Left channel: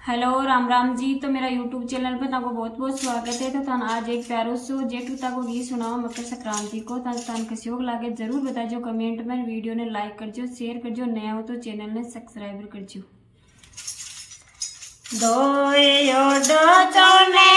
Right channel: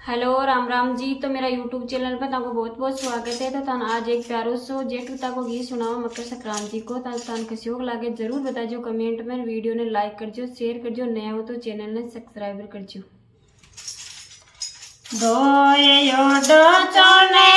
Hello Ram Ram ji. तो मेरा YouTube channel पर ताको बहुत बहुत स्वागत है। तो थान आज एक प्यारो सो जेठ ताको गीत सुनाओ मकर संक्रांति को। तान कसियोग लागे जरूर बताजो कमेंट में। वीडियो ने लाइक करजो, शेयर करजो, नया हो तो चैनल ने सब्सक्राइब करजो। दोयो डो चौने